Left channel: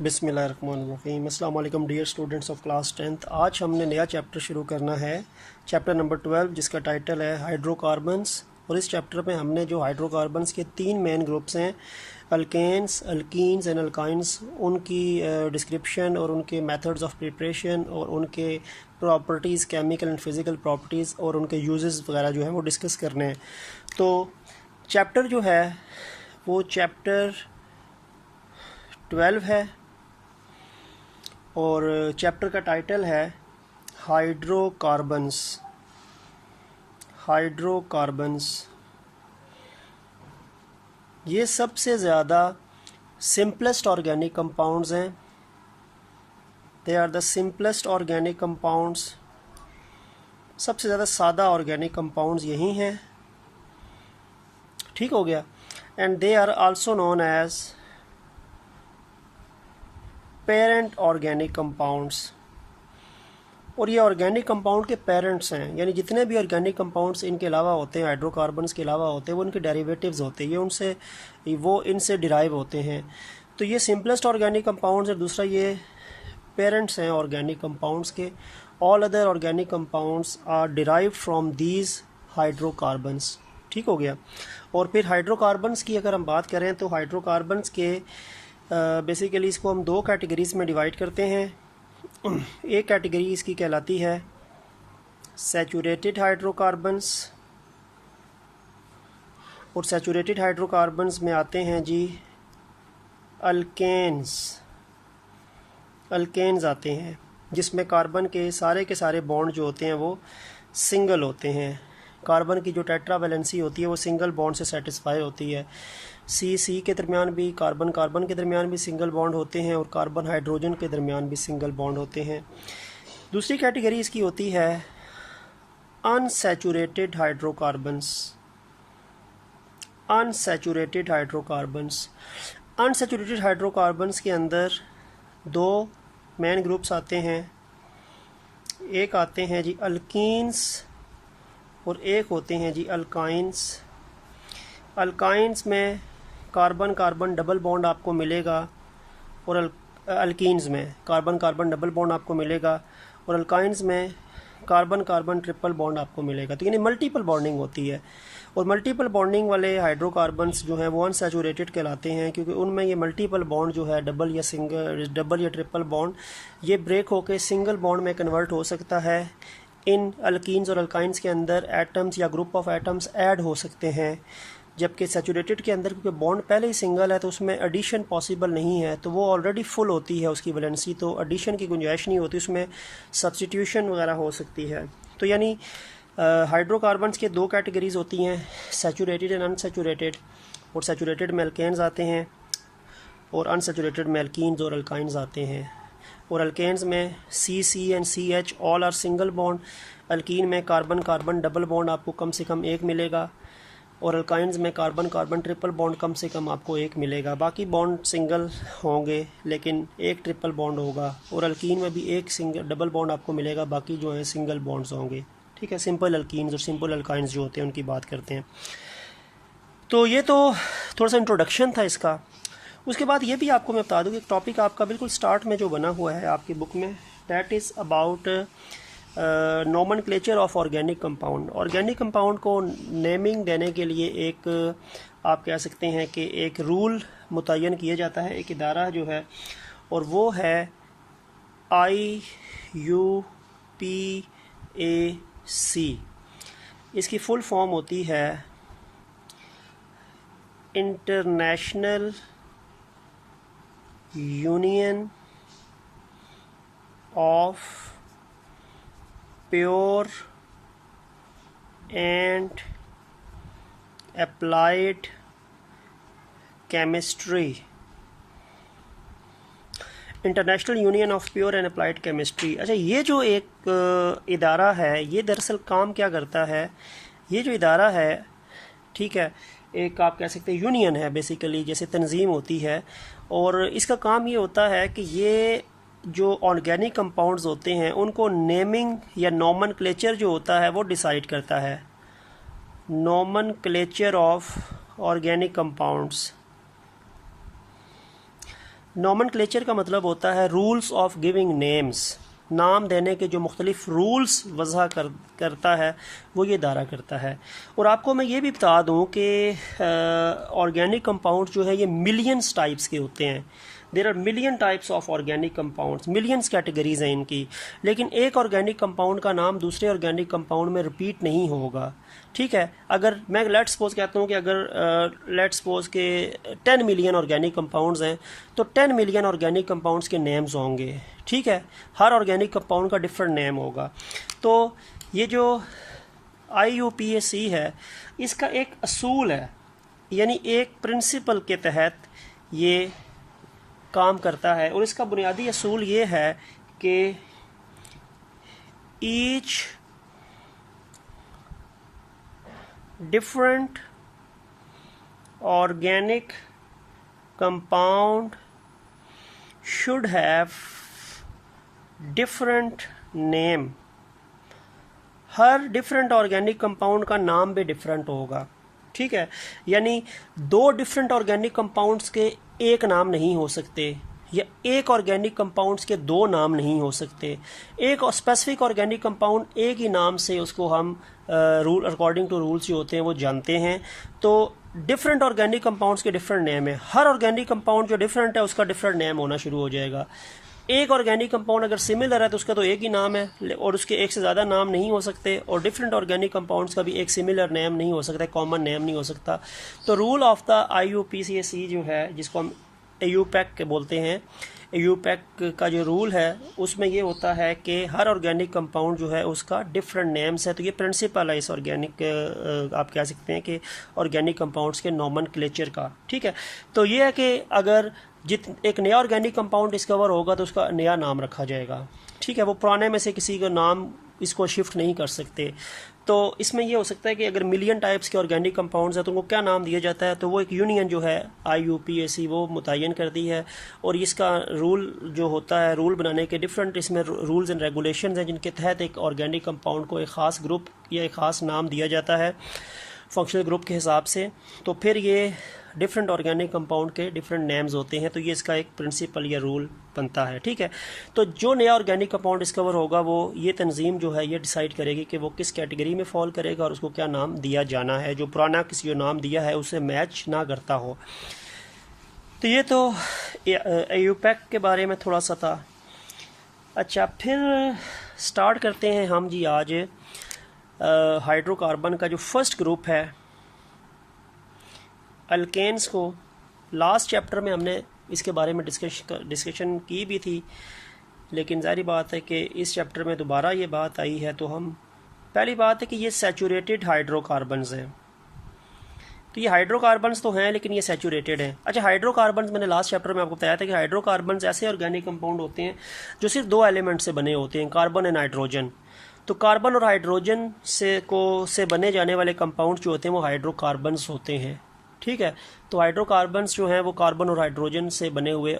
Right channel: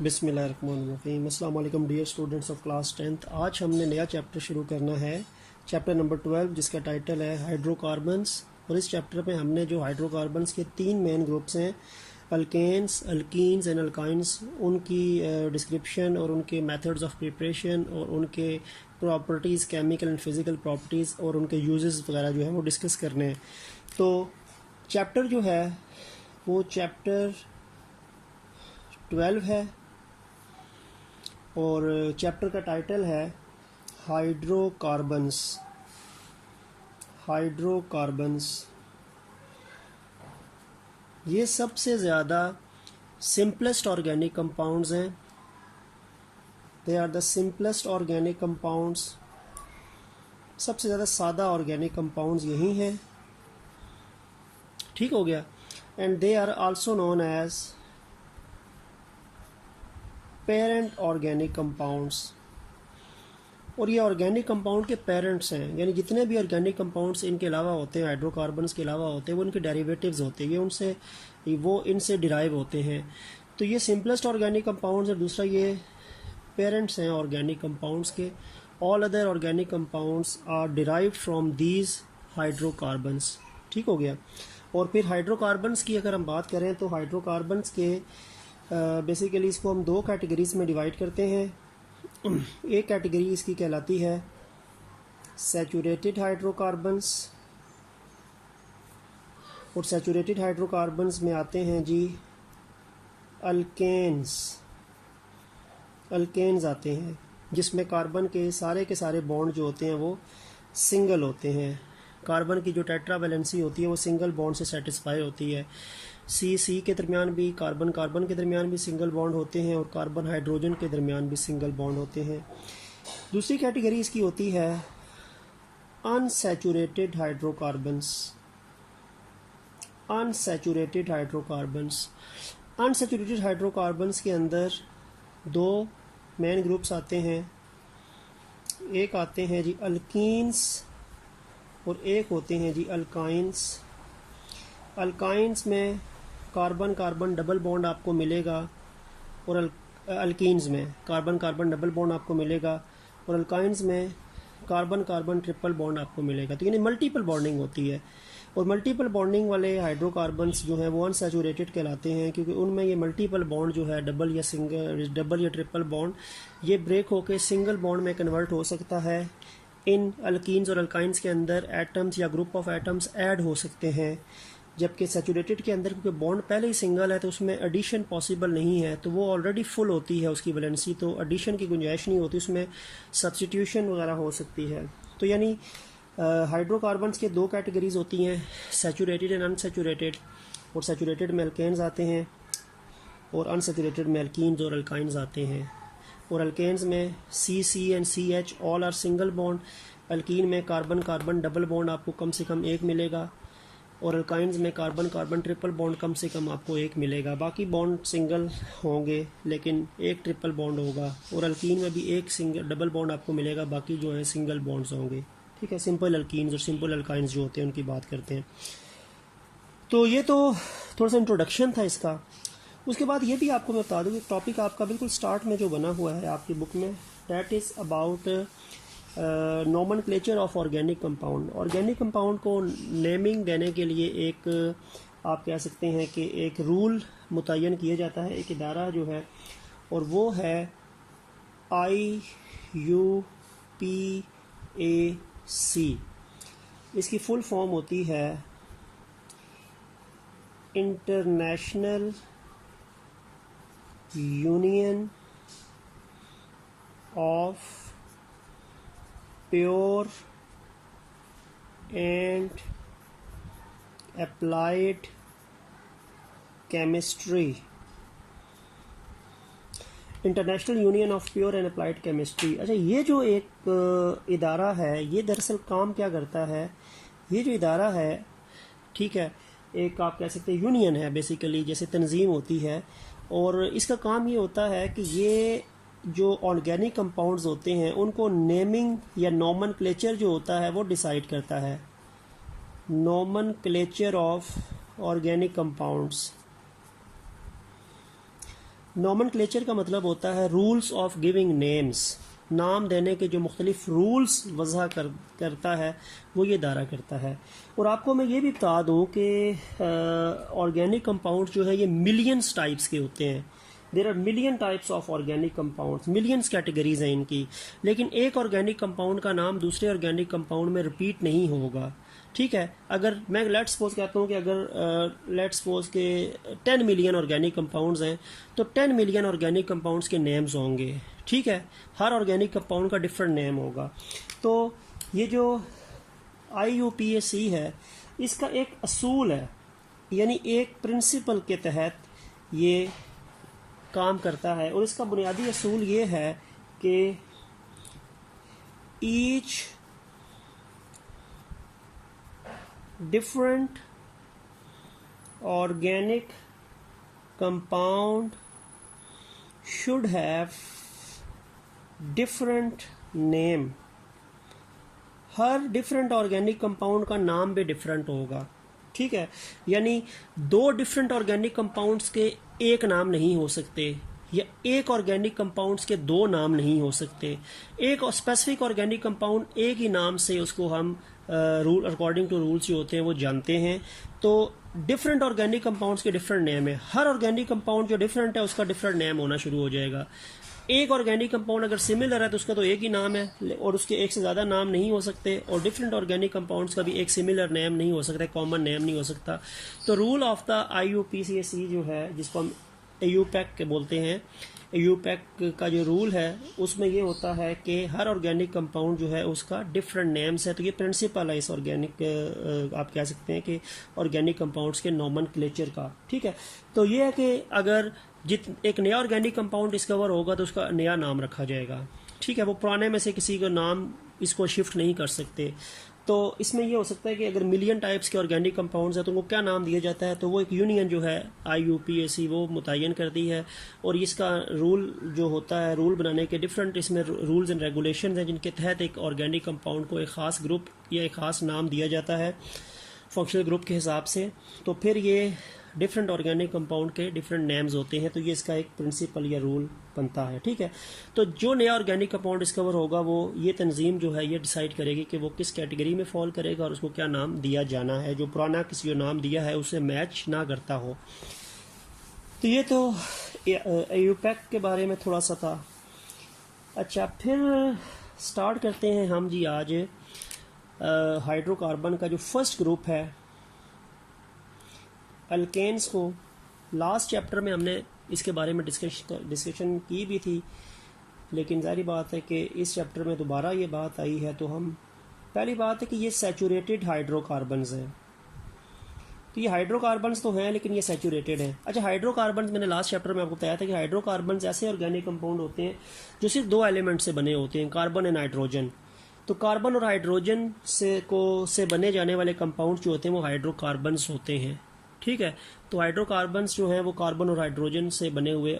बिस्मिल्लाहिर्रहमानिर्रहीम। अस्सलाम वालेकुम dear students of class 10th। आज हमने नया चैप्टर शुरू करना है, चैप्टर नंबर 12, जिसका टाइटल है हाइड्रोकार्बन्स। और इस चैप्टर में हमने जो हाइड्रोकार्बन्स के 3 मेन ग्रुप्स हैं, अल्केन्स, अल्कीन्स एंड अल्काइंस, उनकी डिस्क्रिप्शन और उनके मेथड्स ऑफ प्रिपरेशन और उनके properties, chemical and physical properties और उनके यूजेस वगैरह जो है वो डिस्कस करने हैं। तो चैप्टर जो है वो चैप्टर 12 है और चैप्टर का टाइटल है हाइड्रोकार्बन्स। ये सबसे ज़्यादा सिंपलेस्ट ऑर्गेनिक कंपाउंड्स हैं। They are the simplest organic compounds. सबसे ज़्यादा सादा ऑर्गेनिक कंपाउंड्स यही हैं। ठीक हो गया। And they are also known as parent organic compounds. और ये ऑर्गेनिक कंपाउंड के पेरेंट्स हैं, यानी जितने भी ऑर्गेनिक कंपाउंड्स इनके अलावा होते हैं, हाइड्रोकार्बन्स के अलावा होते हैं, वो इनके डेरिवेटिव्स होते हैं, वो इनसे डिराइव होते हैं। तो ये सिंपलेस्ट ऑर्गेनिक कंपाउंड्स है। दूसरा, ये पेरेंट्स हैं ऑर्गेनिक कंपाउंड्स के। All other organic compounds are derived from these hydrocarbons. ठीक हो गया। और फिर हाइड्रोकार्बन्स की अगर हम बात करें तो हाइड्रोकार्बन्स के बेसिकली इसको हम 2 कैटेगरीज में डिवाइड करते हैं। एक कैटेगरी इसकी कहलाती है सैचुरेटेड हाइड्रोकार्बन्स, और सैचुरेटेड हाइड्रोकार्बन्स में आते हैं जी अल्केन्स आते हैं, जिसमें कार्बन के सारे बॉन्ड जो होते हैं वो सिंगल होते हैं। कार्बन की जो टेट्रावैलेंसी होती है वो सिंगल बॉन्ड से सेटिस्फाई होती है। सी के दरमियान भी, कार्बन के दरमियान भी सिंगल बॉन्ड होते हैं और कार्बन हाइड्रोजन के दरमियान भी सिंगल बॉन्ड होते हैं। दूसरी कैटेगरी इसकी होती है अनसैचुरेटेड हाइड्रोकार्बन्स। अनसैचुरेटेड हाइड्रोकार्बन्स के अंदर 2 मेन ग्रुप्स आते हैं। एक आते हैं जी अल्कीन्स और एक होते हैं जी अल्काइंस। अल्काइंस में कार्बन डबल बॉन्ड आपको मिलेगा और अल्कीन्स में कार्बन डबल बॉन्ड आपको मिलेगा, और अल्काइंस में कार्बन ट्रिपल बॉन्ड आपको मिलेगा। तो यानी मल्टीपल बॉन्डिंग होती है। और मल्टीपल बॉन्डिंग वाले हाइड्रोकार्बन्स जो हैं वो अनसैचुरेटेड कहलाते हैं, क्योंकि उनमें ये मल्टीपल बॉन्ड जो है डबल या ट्रिपल बॉन्ड ये ब्रेक होकर सिंगल बॉन्ड में कन्वर्ट हो सकता है। इन अल्कीन्स और अल्काइंस के अंदर एटम्स या ग्रुप ऑफ एटम्स ऐड हो सकते हैं, जबकि सैचुरेटेड के अंदर क्योंकि बॉन्ड पहले ही सिंगल है तो उसमें एडिशन पॉसिबल नहीं है, तो वो ऑलरेडी फुल होती है उसकी वैलेंसी, तो एडिशन की गुंजाइश नहीं होती, उसमें सब्स्टिट्यूशन वगैरह हो सकती है। तो यानी हाइड्रोकार्बन्स के 2 कैटेगरीज होती हैं, सैचुरेटेड एंड अनसैचुरेटेड। और सैचुरेटेड में अल्केन्स आते हैं और अनसैचुरेटेड में अल्कीन्स और अल्काइंस आते हैं। और अल्केन्स में C and CH all are single bond. Alkene में कार्बन डबल बॉन्ड आपको कम से कम 1 मिलेगा, और अल्काइंस में कार्बन ट्रिपल बॉन्ड कम से कम आपको 1 मिलेगा। बाकी बॉन्ड सिंगल होंगे लेकिन 1 ट्रिपल बॉन्ड होगा। और अल्कीन में भी 1 डबल बॉन्ड आपको मिलेगा, बाकी जो है सिंगल बॉन्ड्स होंगे। ठीक है, सिंपल अल्कीन्स और सिंपल अल्काइंस जो होते हैं उनकी बात करते हैं। तो ये तो थोड़ा सा इंट्रोडक्शन था इसका। उसके बाद ये भी आपको मैं बता दूं कि टॉपिक आपका बिल्कुल स्टार्ट में जो बना हुआ है आपकी बुक में, that is about nomenclature of organic compound. Organic compound को नेमिंग देने के लिए एक आप कह सकते हैं कि एक रूल मुतय्यन किया जाता है, एक इदारा जो है, और वो है IUPAC। इसकी फुल फॉर्म होती है international union of pure and applied chemistry. International union of pure and applied chemistry. अच्छा, ये जो एक इदारा है, ये दरअसल काम क्या करता है? ये जो इदारा है, ठीक है, एक आप कह सकते हैं यूनियन है बेसिकली, जैसे तंजीम होती है, और इसका काम ये होता है कि ये जो ऑर्गेनिक कंपाउंड्स होते हैं उनको नेमिंग या नोमेनक्लेचर जो होता है वो डिसाइड करता है। Nomenclature of organic compounds. Nomenclature का मतलब होता है रूल्स ऑफ गिविंग नेम्स, नाम देने के जो मुख्तलिफ रूल्स वज़ा करता है वो ये दायरा करता है। और आपको मैं ये भी बता दूं कि ऑर्गेनिक कंपाउंड जो है ये मिलियंस टाइप्स के होते हैं। There are million types of organic compounds, millions categories हैं इनकी, लेकिन एक ऑर्गेनिक कंपाउंड का नाम दूसरे ऑर्गेनिक कंपाउंड में रिपीट नहीं होगा। ठीक है, अगर मैं लेट सपोज कहता हूँ कि अगर लेट सपोज के 10 मिलियन ऑर्गेनिक कंपाउंड्स हैं तो 10 मिलियन ऑर्गेनिक कंपाउंड्स के नेम्स होंगे। ठीक है, हर ऑर्गेनिक कंपाउंड का डिफरेंट नेम होगा। तो ये जो IUPAC है इसका एक असूल है, यानी एक प्रिंसिपल के तहत ये काम करता है। और इसका बुनियादी असूल ये है कि each different organic compound should have different name। Her different organic compound का नाम भी डिफरेंट होगा। ठीक है, यानी दो डिफरेंट ऑर्गेनिक कंपाउंड्स के एक नाम नहीं हो सकते, या एक ऑर्गेनिक कंपाउंड्स के दो नाम नहीं हो सकते। एक स्पेसिफिक ऑर्गेनिक कंपाउंड एक ही नाम से उसको हम रूल अकॉर्डिंग टू रूल्स जो होते हैं वो जानते हैं। तो डिफरेंट ऑर्गेनिक कंपाउंड्स के डिफरेंट नेम है। हर ऑर्गेनिक कंपाउंड जो डिफरेंट है उसका डिफरेंट नेम होना शुरू हो जाएगा। एक ऑर्गेनिक कंपाउंड अगर सिमिलर है तो उसका तो एक ही नाम है और उसके एक से ज़्यादा नाम नहीं हो सकते, और डिफरेंट ऑर्गेनिक कंपाउंड्स का भी एक सिमिलर नेम नहीं हो सकता, कॉमन नेम नहीं हो सकता। तो रूल ऑफ द IUPAC जो है, जिसको हम AUPAC बोलते हैं, AUPAC का जो रूल है उसमें ये होता है कि हर ऑर्गेनिक कंपाउंड जो है उसका डिफरेंट नेम्स है। तो ये प्रिंसिपल है इस ऑर्गेनिक, आप कह सकते हैं कि ऑर्गेनिक कंपाउंड्स के नॉमेनक्लेचर का। ठीक है, तो ये है कि अगर एक नया ऑर्गेनिक कंपाउंड डिस्कवर होगा तो उसका नया नाम रखा जाएगा। ठीक है, वो पुराने में से किसी का नाम इसको शिफ्ट नहीं कर सकते। तो इसमें ये हो सकता है कि अगर मिलियन टाइप्स के ऑर्गेनिक कंपाउंड्स हैं तो उनको क्या नाम दिया जाता है, तो वो एक यूनियन जो है IUPAC वो मुतय्यन करती है। और इसका रूल जो होता है, रूल बनाने के डिफरेंट इसमें रूल्स एंड रेगुलेशंस हैं जिनके तहत एक ऑर्गेनिक कंपाउंड को एक ख़ास ग्रुप या एक ख़ास नाम दिया जाता है फंक्शनल ग्रुप के हिसाब से। तो फिर ये डिफरेंट ऑर्गेनिक कंपाउंड के डिफरेंट नेम्स होते हैं। तो ये इसका एक प्रिंसिपल या रूल बनता है। ठीक है, तो जो नया ऑर्गेनिक कंपाउंड डिस्कवर होगा वो ये तंजीम जो है ये डिसाइड करेगी कि वो किस कैटेगरी में फॉल करेगा और उसको क्या नाम दिया जाना है, जो पुराना किसी जो नाम दिया है उससे मैच ना करता हो। तो ये तो AUPAC के बारे में थोड़ा सा था। अच्छा, फिर स्टार्ट करते हैं हम जी आज हाइड्रोकार्बन का जो फर्स्ट ग्रुप है अल्केन्स को। लास्ट चैप्टर में हमने इसके बारे में डिस्कशन की भी थी, लेकिन जाहिर बात है कि इस चैप्टर में दोबारा ये बात आई है। तो हम पहली बात है कि ये सैचुरेटेड हाइड्रोकार्बन्स हैं। तो ये हाइड्रोकार्बन्स तो हैं लेकिन ये सैचुरेटेड हैं। अच्छा, हाइड्रोकार्बन्स मैंने लास्ट चैप्टर में आपको बताया था कि हाइड्रोकार्बन्स ऐसे ऑर्गेनिक कंपाउंड होते हैं जो सिर्फ दो एलिमेंट से बने होते हैं, कार्बन एंड हाइड्रोजन। तो कार्बन और हाइड्रोजन से बने जाने वाले कंपाउंड जो होते हैं वो हाइड्रोकार्बन्स होते हैं। ठीक है, तो हाइड्रोकार्बन्स जो हैं वो कार्बन और हाइड्रोजन से बने हुए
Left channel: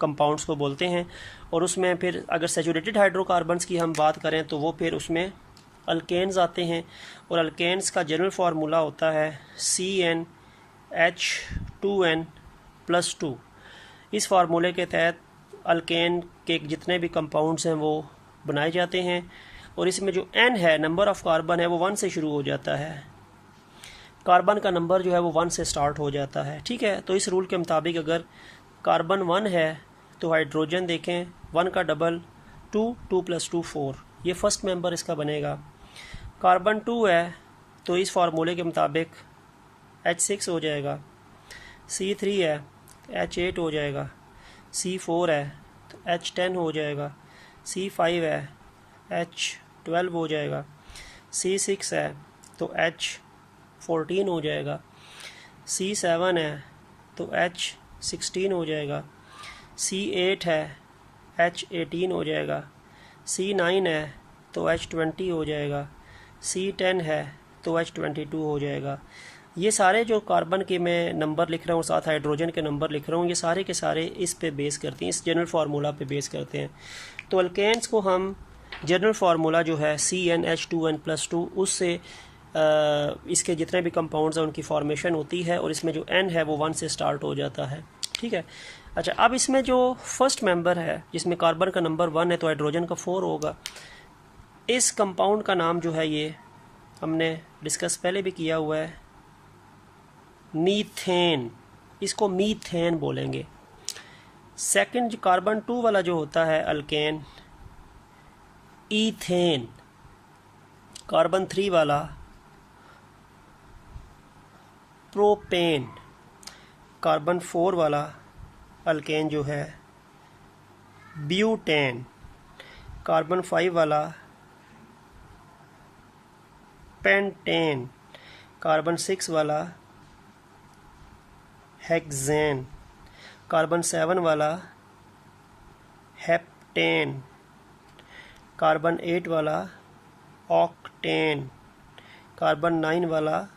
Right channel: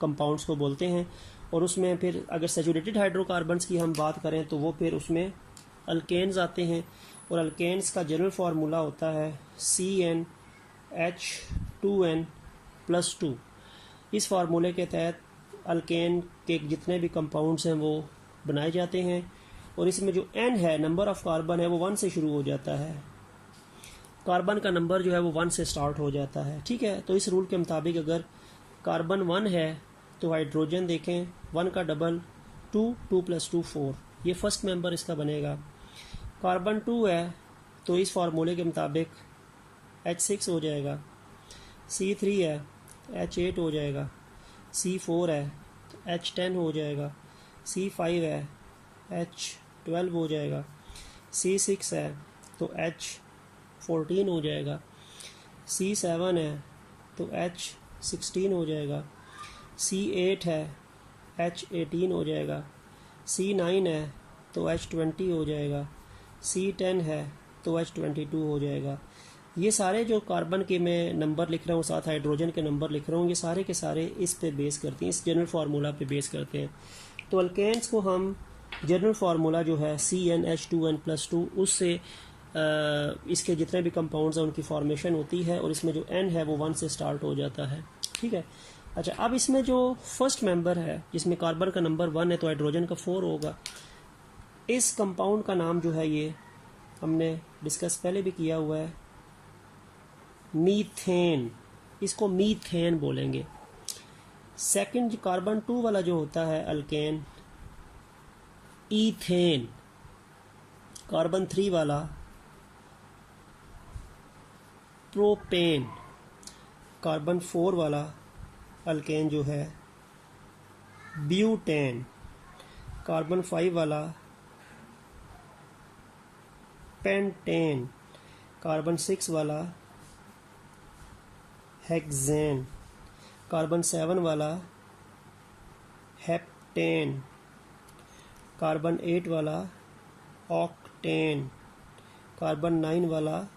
कंपाउंड्स को बोलते हैं। और उसमें फिर अगर सैचुरेटेड हाइड्रोकार्बन्स की हम बात करें तो वो फिर उसमें अल्केन्स आते हैं। और अल्केन्स का जनरल फार्मूला होता है CnH2n+2। इस फार्मूले के तहत अल्केन के जितने भी कंपाउंड्स हैं वो बनाए जाते हैं। और इसमें जो n है, नंबर ऑफ कार्बन है, वो 1 से शुरू हो जाता है। कार्बन का नंबर जो है वो 1 से स्टार्ट हो जाता है। ठीक है, तो इस रूल के मुताबिक अगर कार्बन 1 है तो हाइड्रोजन देखें 1 का डबल 2, 2 + 2 4, ये फर्स्ट मेंबर इसका बनेगा। कार्बन 2 है तो इस फार्मूले के मुताबिक H6 हो जाएगा। C3 है H8 हो जाएगा। C4 है तो H10 हो जाएगा। C5 है H12 हो जाएगा। C6 है तो H14 हो जाएगा। C7 है तो H16 हो जाएगा। C8 है H18 हो जाएगा। C9 है तो H20 हो जाएगा। C10 है तो H22 हो जाएगा। ये सारे जो कार्बन के मैं नंबर लिख रहा हूँ साथ हाइड्रोजन के नंबर लिख रहा हूँ, ये सारे के सारे इस पे बेस करते हैं, इस जनरल फार्मूला पे बेस करते हैं। तो अल्केन्स को हम जनरल फार्मूला जो है CnH2n+2 उससे इसके जितने भी कंपाउंड्स हैं उनकी फॉर्मेशन होती है और इसमें जो n है वो 1 से स्टार्ट हो जाता है। ठीक है, अच्छा, अब इसमें जो फर्स्ट मेंबर है जिसमें कार्बन का नंबर 1 है तो हाइड्रोजन का 4 होगा। इस कंपाउंड का नाम जो है ये हमने डिस्कस पहले भी किया हुआ है, मीथेन। इसको मीथेन बोलेंगे। सेकंड कार्बन 2 वाला जो होता है अल्केन, ईथेन। कार्बन 3 वाला प्रोपेन। कार्बन 4 वाला अल्केन जो है ब्यूटेन। कार्बन 5 वाला पेंटेन। कार्बन 6 वाला हेक्सेन। कार्बन 7 वाला हेप्टेन। कार्बन 8 वाला ऑक्टेन। कार्बन 9 वाला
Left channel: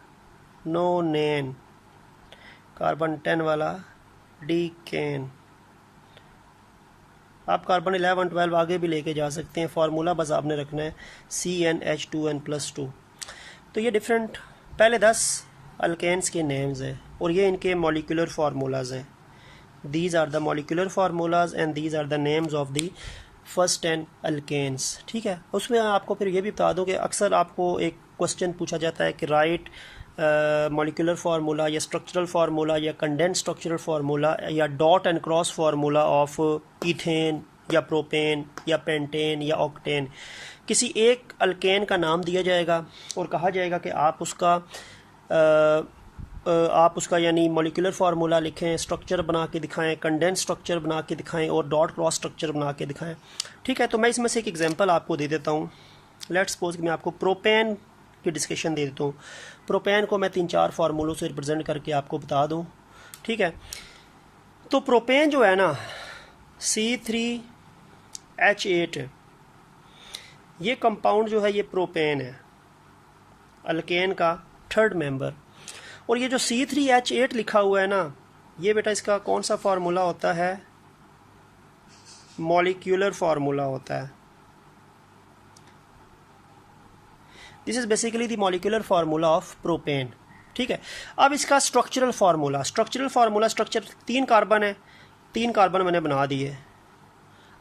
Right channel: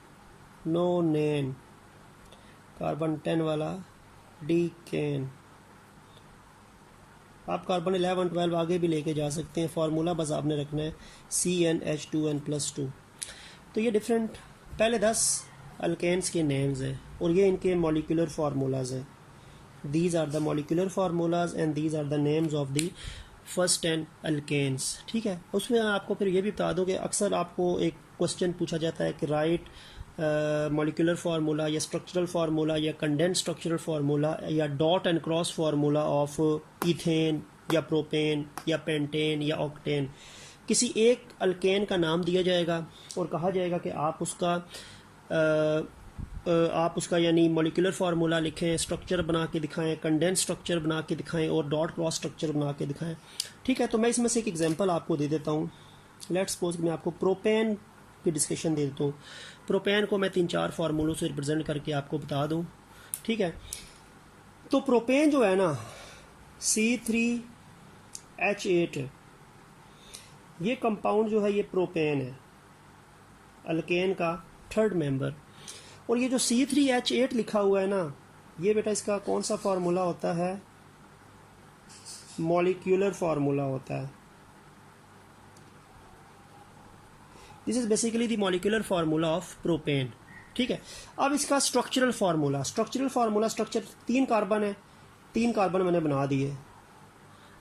नोनेन। कार्बन 10 वाला डीकेन। आप कार्बन 11 12 आगे भी लेके जा सकते हैं, फार्मूला बस आपने रखना है CnH2n+2। तो ये डिफरेंट पहले 10 अल्केन्स के नेम्स हैं और ये इनके मॉलिक्यूलर फार्मूलाज हैं। These are the molecular formulas and these are the names of the first 10 alkanes. ठीक है, उसमें आपको फिर ये भी बता दूं कि अक्सर आपको एक क्वेश्चन पूछा जाता है कि राइट मॉलिक्यूलर फार्मूला या स्ट्रक्चरल फार्मूला या कंडेंस स्ट्रक्चरल फार्मूला या dot and cross formula of ethane या प्रोपेन या पेंटेन या ऑक्टेन। किसी एक अल्केन का नाम दिया जाएगा और कहा जाएगा कि आप उसका यानी मॉलिक्यूलर फार्मूला लिखें, स्ट्रक्चर बना के दिखाएं, कंडेंस स्ट्रक्चर बना के दिखाएं और डॉट क्रॉस स्ट्रक्चर बना के दिखाएं। ठीक है, तो मैं इसमें से एक एग्जांपल आपको दे देता हूँ। लेट्स सपोज कि मैं आपको प्रोपेन की डिस्कशन दे देता हूँ। प्रोपेन को मैं 3-4 फार्मूलों से रिप्रेजेंट करके आपको बता दूँ। ठीक है, तो प्रोपेन जो है ना C3H8, ये कंपाउंड जो है ये प्रोपेन है, अल्केन का थर्ड मेंबर। और ये जो C3H8 लिखा हुआ है ना, ये बेटा इसका कौन सा फार्मूला होता है? मॉलिक्यूलर फार्मूला होता है। This is basically the molecular formula of propane. ठीक है, अब इसका स्ट्रक्चरल फार्मूला, स्ट्रक्चर 3 कार्बन है, 3 कार्बन मैंने बना दिए।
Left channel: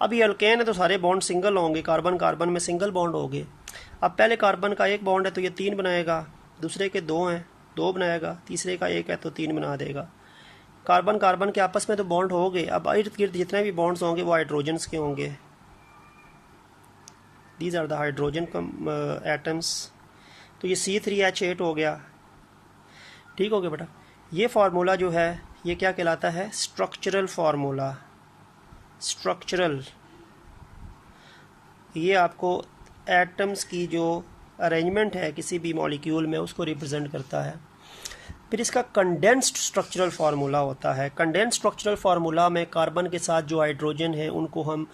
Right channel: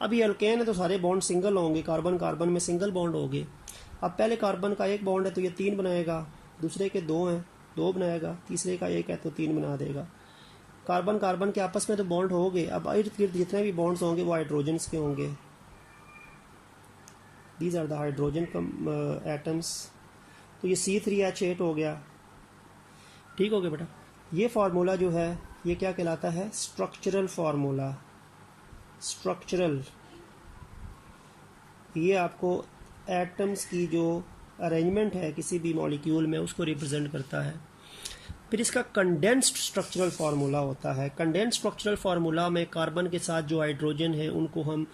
अब ये अल्केन है तो सारे बॉन्ड सिंगल होंगे, कार्बन कार्बन में सिंगल बॉन्ड होंगे। अब पहले कार्बन का 1 बॉन्ड है तो ये 3 बनाएगा, दूसरे के 2 हैं 2 बनाएगा, तीसरे का 1 है तो 3 बना देगा। कार्बन कार्बन के आपस में तो बॉन्ड हो गए। अब इर्द गिर्द जितने भी बॉन्ड्स होंगे वो हाइड्रोजन्स के होंगे। These are the hydrogen atoms. तो ये C3H8 हो गया। ठीक हो गया बेटा। ये फार्मूला जो है ये क्या कहलाता है? Structural formula. स्ट्रक्चरल, ये आपको एटम्स की जो अरेंजमेंट है किसी भी मॉलिक्यूल में उसको रिप्रेजेंट करता है। फिर इसका कंडेंस्ड स्ट्रक्चरल फार्मूला होता है। कंडेंस्ड स्ट्रक्चरल फार्मूला में कार्बन के साथ जो हाइड्रोजन है उनको हम,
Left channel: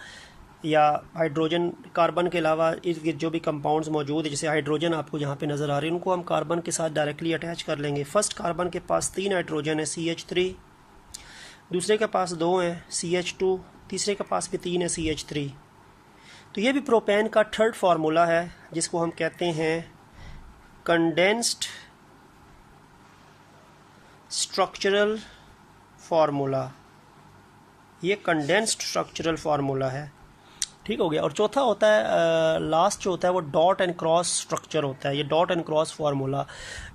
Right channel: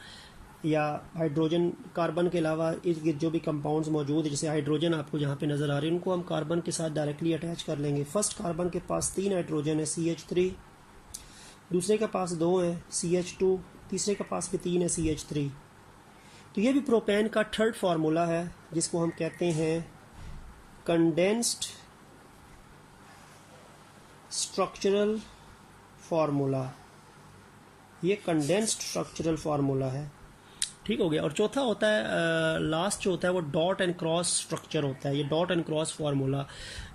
या हाइड्रोजन कार्बन के अलावा इर्द गिर्द जो भी कंपाउंड्स मौजूद है, जैसे हाइड्रोजन आपको यहाँ पे नज़र आ रही है, उनको हम कार्बन के साथ डायरेक्टली अटैच कर लेंगे। फर्स्ट कार्बन के पास 3 हाइड्रोजन है CH3, दूसरे के पास 2 हैं CH2, तीसरे के पास भी 3 है CH3। तो ये भी प्रोपेन का थर्ड फार्मूला है जिसको हम कहते हैं कंडेंस्ड स्ट्रक्चरल फार्मूला। ये कंडेंस्ड स्ट्रक्चरल फार्मूला है। ठीक हो गया। और चौथा होता है लास्ट जो होता है वो डॉट एंड क्रॉस स्ट्रक्चर होता है। ये डॉट एंड क्रॉस फार्मूला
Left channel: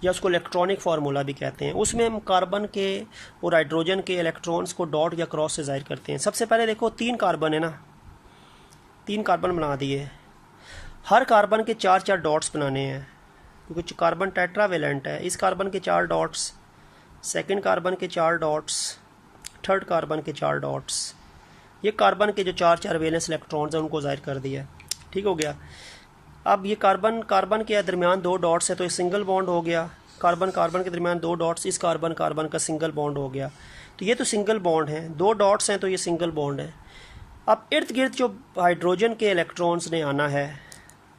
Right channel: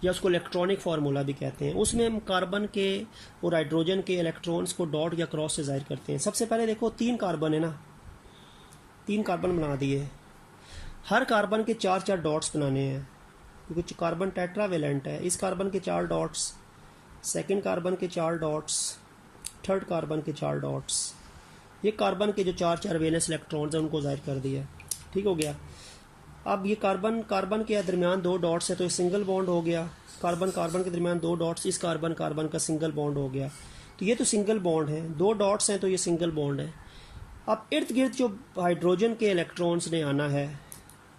या उसको इलेक्ट्रॉनिक फार्मूला भी कहते हैं। उसमें हम कार्बन के और हाइड्रोजन के इलेक्ट्रॉन्स को डॉट या क्रॉस से जाहिर करते हैं। सबसे पहले देखो 3 कार्बन है ना, 3 कार्बन बना दिए। हर कार्बन के 4-4 डॉट्स बनाने हैं क्योंकि कार्बन टेट्रावेलेंट है। इस कार्बन के 4 डॉट्स, सेकंड कार्बन के 4 डॉट्स, थर्ड कार्बन के 4 डॉट्स। ये कार्बन के जो 4-4 वैलेंस इलेक्ट्रॉन्स हैं उनको जाहिर कर दिया। ठीक हो गया। अब ये कार्बन कार्बन के दरमियान 2 डॉट्स है तो ये सिंगल बॉन्ड हो गया। कार्बन कार्बन के दरमियान 2 डॉट्स, इस कार्बन कार्बन का सिंगल बॉन्ड हो गया। तो ये तो सिंगल बॉन्ड है। 2 डॉट्स हैं तो ये सिंगल बॉन्ड है। अब इर्द गिर्द जो हाइड्रोजन के इलेक्ट्रॉन्स ने आना है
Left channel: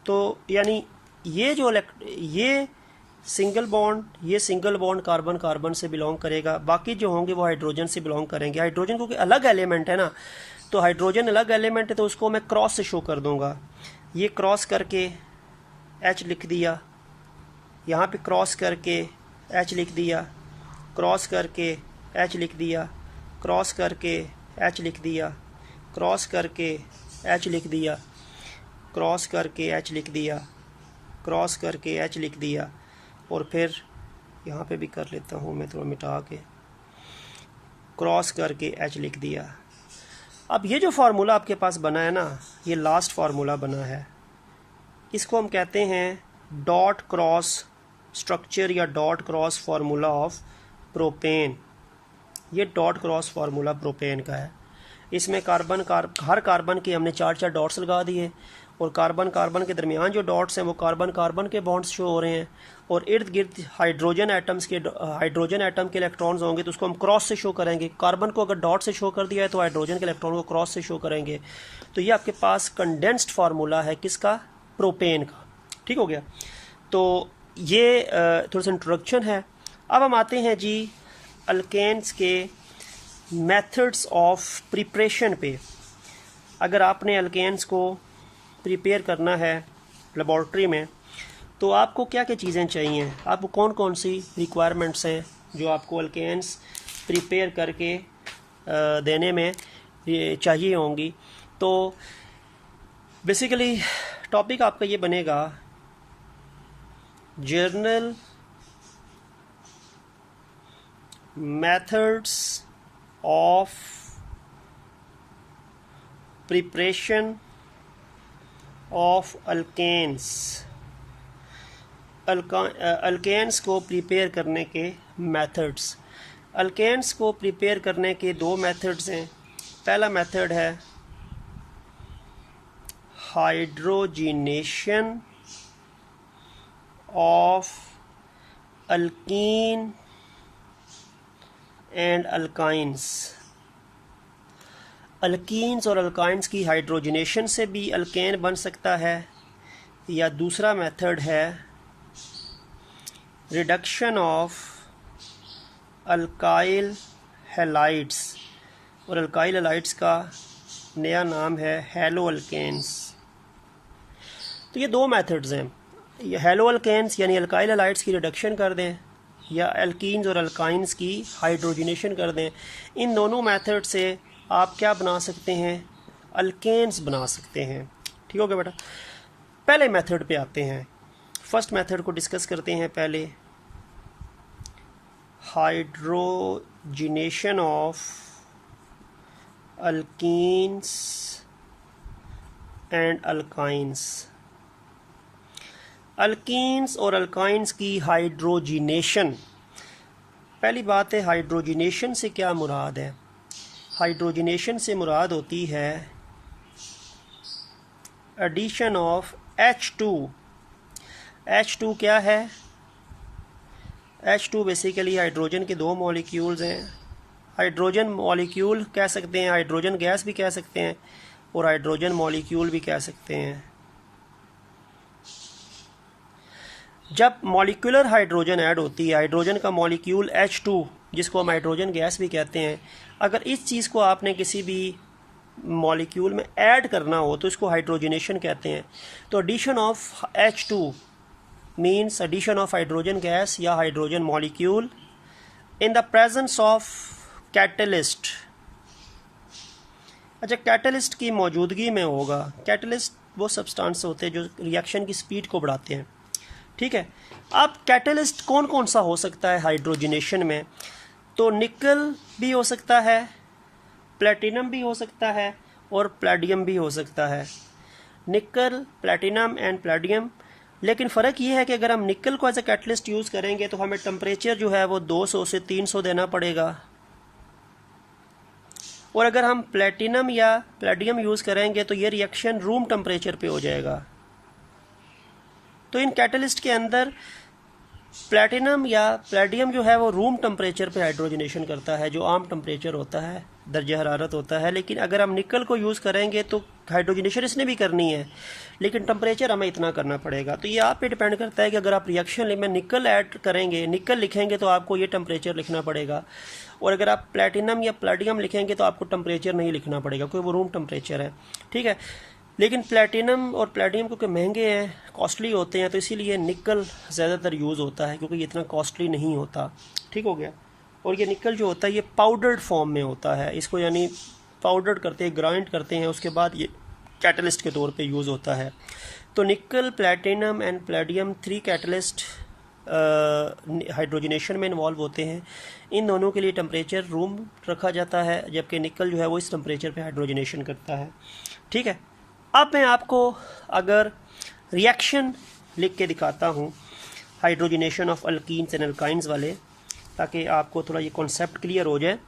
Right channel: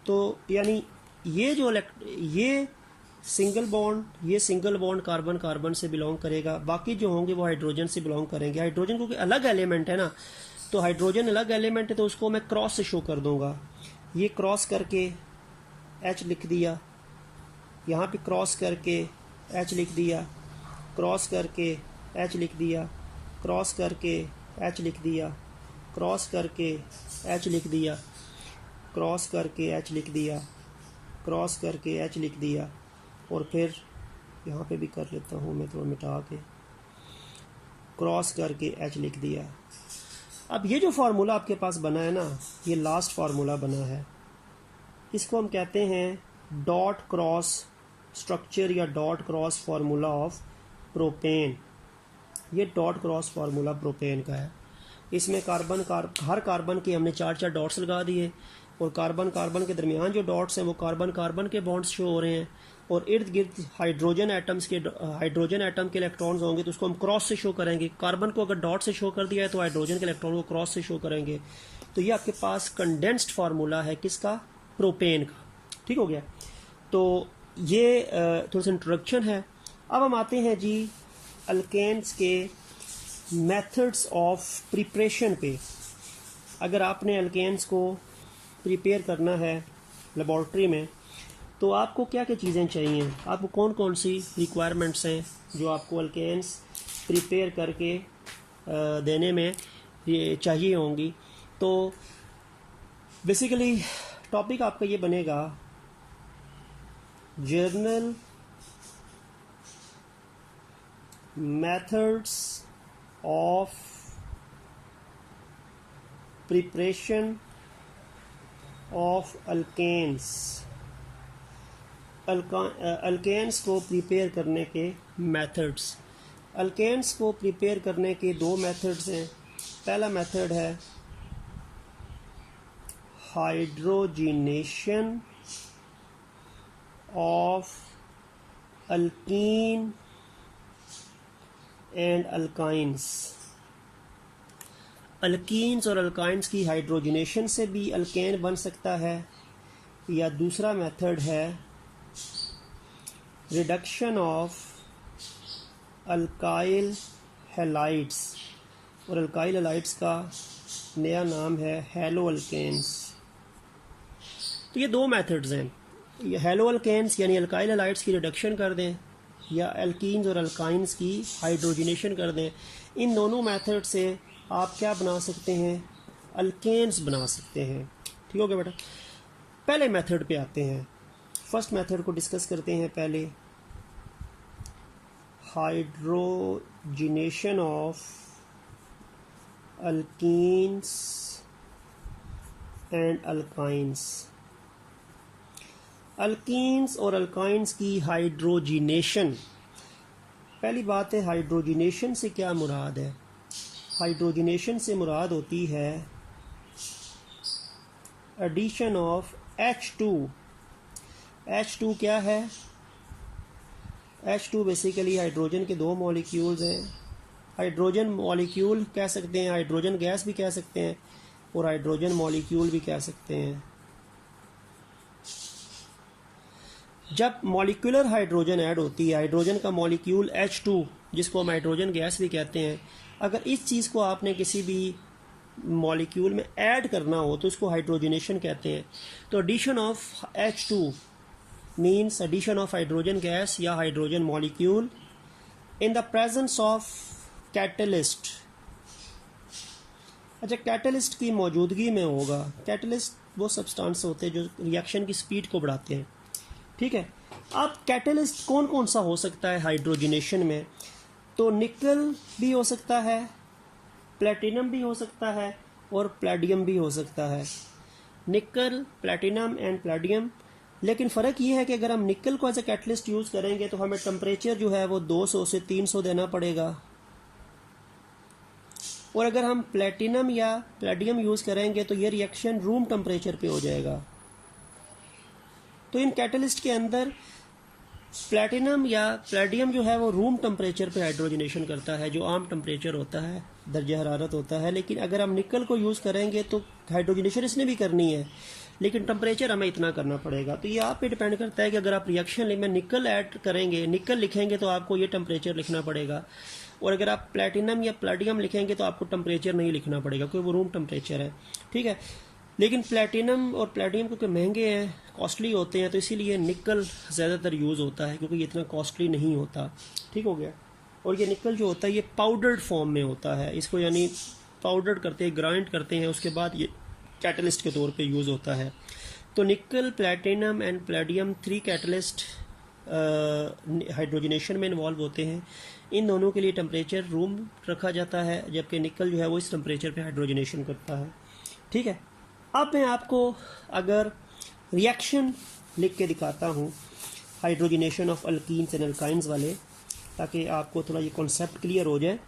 तो यानी ये सिंगल बॉन्ड कार्बन कार्बन से बिलोंग करेगा। बाकी जो होंगे वो हाइड्रोजन से बिलोंग करेंगे। हाइड्रोजन क्योंकि अलग एलिमेंट है ना, तो हाइड्रोजन अलग एलिमेंट है तो उसको मैं क्रॉस से शो कर दूंगा। ये क्रॉस करके H लिख दिया, यहाँ पे क्रॉस करके H लिख दिया, क्रॉस करके H लिख दिया, क्रॉस करके H लिख दिया, क्रॉस करके H लिख दिया, क्रॉस करके H लिख दिया, क्रॉस करके H लिख दिया, और फिर यहाँ पे भी कर लेता हूँ मैं थोड़ा मिटा के, क्रॉस करके H लिख दिया। अब ये जो फार्मूला आपके पास बना है ना, ये लास्ट फार्मूला बना है, इसको हम कहते हैं डॉट क्रॉस स्ट्रक्चर या dot cross formula of propane. ये डॉट क्रॉस फार्मूला प्रोपेन का है। इसमें हर कार्बन के हमने 4-4 डॉट्स लगा दिए, और कार्बन कार्बन के दरमियान जो डॉट्स हैं वो कार्बन कार्बन के बॉन्ड्स शो हो रहे हैं, और इर्द गिर्द हाइड्रोजन एटम के इलेक्ट्रॉन्स होंगे तो उसको हम क्रॉस से शो करेंगे। कार्बन को अगर डॉट से शो कर दिया है तो हाइड्रोजन के इलेक्ट्रॉन को क्रॉस से शो करेंगे। तो ये आपके पास कंडेंस्ड फार्मूला है किसका? प्रोपेन का। ठीक हो गया। तो ये थोड़ा सा इंट्रोडक्शन है। अब हम आते हैं जी अल्केन्स के मेथड्स ऑफ प्रिपरेशन पे। अगर आपने अल्केन्स को प्रिपेयर करना है लेबॉर्ट्री में तो आपको क्या क्या चीज़ें चाहिए, आपको कौन कौन सी रिक्वायरमेंट्स हैं जो आपको अल्केन्स प्रिपेयर करके देने में चाहिए होंगी। तो बेसिकली टॉपिक आपका ये बनेगा general methods of preparation of alkanes. Alkanes को प्रिपेयर करने के मेथड्स। अल्केन्स को प्रिपेयर करने के दो मेथड्स हैं। पहला मेथड है hydrogenation of alkyne and alkynes. Alkenes और अल्काइंस की हाइड्रोजिनेशन से भी अल्केन बन सकता है, या दूसरा मेथड है रिडक्शन ऑफ अल्काइल हैलाइड्स, और अल्काइल हैलाइड्स का नया नाम है हैलो अल्केन्स। तो ये दो मेथड्स हैं, ये हैलो अल्केन्स यानी अल्काइल हैलाइड्स की रिडक्शन कर दें, या अल्कीन्स और अल्काइंस की हाइड्रोजिनेशन कर दें। इन दोनों मेथड से आप क्या बना सकते हैं? अल्केन्स बना सकते हैं। ठीक हो गया बेटा। पहले मेथड पे आते हैं, फर्स्ट मेथड को डिस्कस करते हैं पहले। Hydrogenation of alkenes and alkynes. Alkenes और अल्काइंस की हाइड्रोजिनेशन। पहली बात है, हाइड्रोजिनेशन से क्या मुराद है? हाइड्रोजिनेशन से मुराद होती है एडिशन ऑफ H2। H2 क्या है? H2 बेसिकली हाइड्रोजन के दो मॉलिक्यूल्स हैं। हाइड्रोजन मॉलिक्यूल कह सकते हैं, हाइड्रोजन गैस भी कह सकते हैं, और हाइड्रोजन मॉलिक्यूल भी कह सकते हैं। जब मॉलिक्यूलर हाइड्रोजन ऐड होती है, हाइड्रोजन का मॉलिक्यूल H2 जिसको हम हाइड्रोजन गैस भी कहते हैं, अगर इस चीज़ को आपने किसी भी मॉलिक्यूल में ऐड करना हो तो इसको हाइड्रोजिनेशन कहते हैं। तो addition of H2 means addition of hydrogen gas या hydrogen molecule in the presence of catalyst. अच्छा, कैटलिस्ट की मौजूदगी में होगा। कैटलिस्ट वो सब्सटेंस होते हैं जो रिएक्शन की स्पीड को बढ़ाते हैं। ठीक है। अब कैटलिस्ट कौन कौन सा हो सकता है हाइड्रोजिनेशन में? तो निकल भी हो सकता है, प्लेटिनम भी हो सकता है, और प्लेडियम भी हो सकता है। निकल, प्लेटिनम एंड प्लेडियम। लेकिन फ़र्क ये है कि अगर हम निकल को एज ए कैटलिस्ट यूज़ करेंगे तो हमें टेम्परेचर जो है वो 200 से 300 देना पड़ेगा, और अगर हम प्लेटिनम या प्लेडियम यूज़ करेंगे तो ये रिएक्शन रूम टेम्परेचर पे हो जाएगा। तो इन कैटलिस्ट के अंदर प्लेटिनम या प्लेडियम जो है वो रूम टेम्परेचर पे हाइड्रोजनेशन करता है, जो आम टेम्परेचर होता है, दर्जा हरारत होता है। लेकिन अगर हम निकल को यूज़ करेंगे तो हाइड्रोजनेशन इसने भी करनी है, लेकिन टेम्परेचर हमें इतना करना पड़ेगा। तो ये आप पे डिपेंड करता है कि अगर आप रिएक्शन में निकल ऐड करेंगे, निकल लिखेंगे तो आपको ये टेम्परेचर लिखना पड़ेगा, और अगर आप प्लेटिनम या प्लेडियम लिखेंगे तो आपको टेम्परेचर नहीं लिखना पड़ेगा, क्योंकि वो रूम टेम्परेचर है। ठीक है। लेकिन प्लेटिनम और प्लेडियम क्योंकि महंगे हैं, कॉस्टली होते हैं, तो इसीलिए निकल ज़्यादातर यूज़ होता है, क्योंकि ये इतना कॉस्टली नहीं होता। ठीक हो गया। और ये निकल जो होता है ये पाउडर्ड फॉर्म में होता है, इसको यानी पाउडर करते हैं, ग्राइंड करते हैं, उसके बाद ये कैटलिस्ट के तौर पे यूज़ होता है। तो निकल, platinum and palladium 3 catalyst hydrogenation में इन्वॉल्व होते हैं। इन दोनों के लिए टेम्परेचर रूम रखा जाता है, जबकि निकल जो है वो इस टेम्परेचर पे हाइड्रोजनेशन करता है। ठीक है, अब मैं आपको अगर रिएक्शन लिख के दिखाता हूँ hydrogenation of alkenes and alkynes वाले, ताकि आपको थोड़ा ये कॉन्सेप्ट क्लियर हो जाए,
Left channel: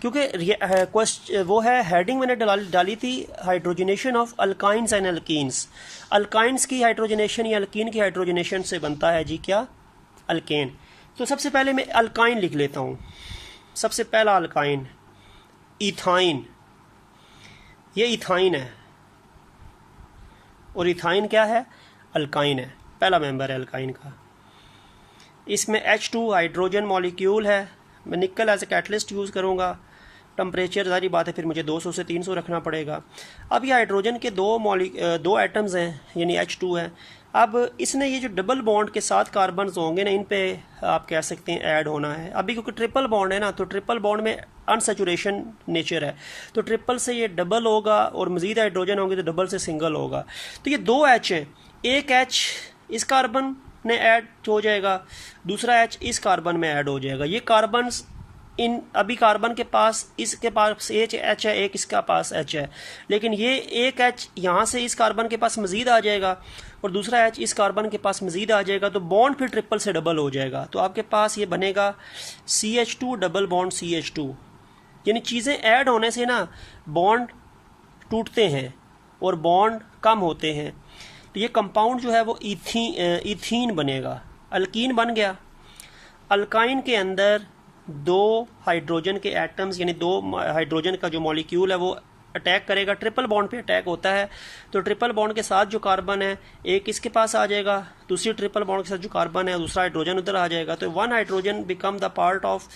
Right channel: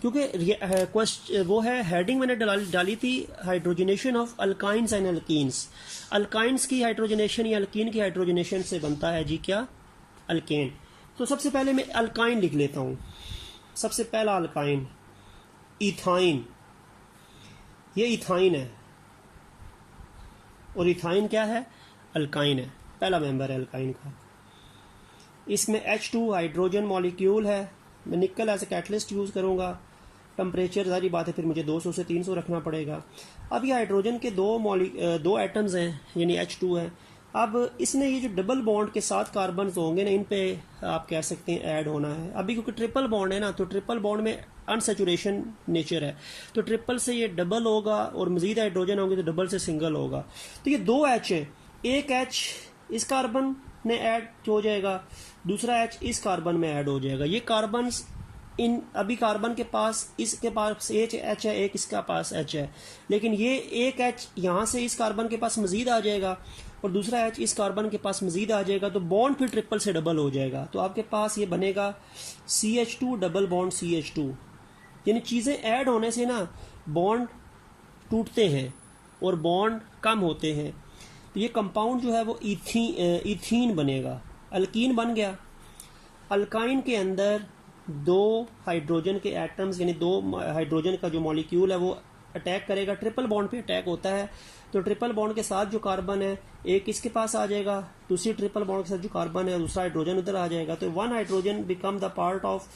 क्योंकि वो है हेडिंग मैंने डाली थी hydrogenation of alkynes and alkenes. Alkynes की हाइड्रोजनेशन या अल्कीन की हाइड्रोजनेशन से बनता है जी क्या, अल्केन। तो सबसे पहले मैं अल्काइन लिख लेता हूँ। सबसे पहला अल्काइन इथाइन, ये इथाइन है, और इथाइन क्या है, अल्काइन है, पहला मेंबर है अल्काइन का। इसमें H2 हाइड्रोजन मॉलिक्यूल है। मैं निकल एज ए कैटलिस्ट यूज़ करूँगा। टेम्परेचर सारी बात है, फिर मुझे 200 से 300 रखना पड़ेगा। अब ये हाइड्रोजन के दो एटम्स हैं, यानी H2 है। अब इसने ये जो डबल बॉन्ड के साथ कार्बन्स होंगे ना, इन पे आप कह सकते हैं ऐड होना है। अभी क्योंकि ट्रिपल बॉन्ड है ना, तो ट्रिपल बॉन्ड में अनसेचुरेशन नेचर है, तो ट्रिपल से ये डबल होगा और मजीद हाइड्रोजन होंगे तो डबल से सिंगल होगा। तो ये 2 H है, एक H इस कार्बन में ऐड हो जाएगा, दूसरा H इस कार्बन में ऐड हो जाएगा। ये कार्बन्स इन अभी कार्बन के पास, इसके पास H है, एक इसका पास H है, लेकिन ये एक H यहाँ से इस कार्बन के पास मजीद आ जाएगा और दूसरा H इस कार्बन के पास मजीद आ जाएगा, तो बॉन्ड फिर ट्रिपल से डबल हो जाएगा। तो आपके पास ये बनेगा CH2 डबल बॉन्ड CH2। यानी चीज़ें ऐड होने से ना बॉन्ड टूटते हैं और बॉन्ड कम होते हैं। तो ये कंपाउंड जो है वो इथीन बनेगा, अल्कीन बन गया। अल्काइन के अंदर 2 हाइड्रोजन के एटम्स, यानी 2 हाइड्रोजन का जो मॉलिक्यूल है वो अटैक करेगा, ट्रिपल बॉन्ड पे अटैक होता है। तो ट्रिपल बॉन्ड के साथ जो कार्बन है एक इसके पास आ जाएगा, दूसरी ट्रिपल बॉन्ड के साथ जो कार्बन है दूसरा हाइड्रोजन उधर आ जाएगा। तो 1 hydrogen become the part of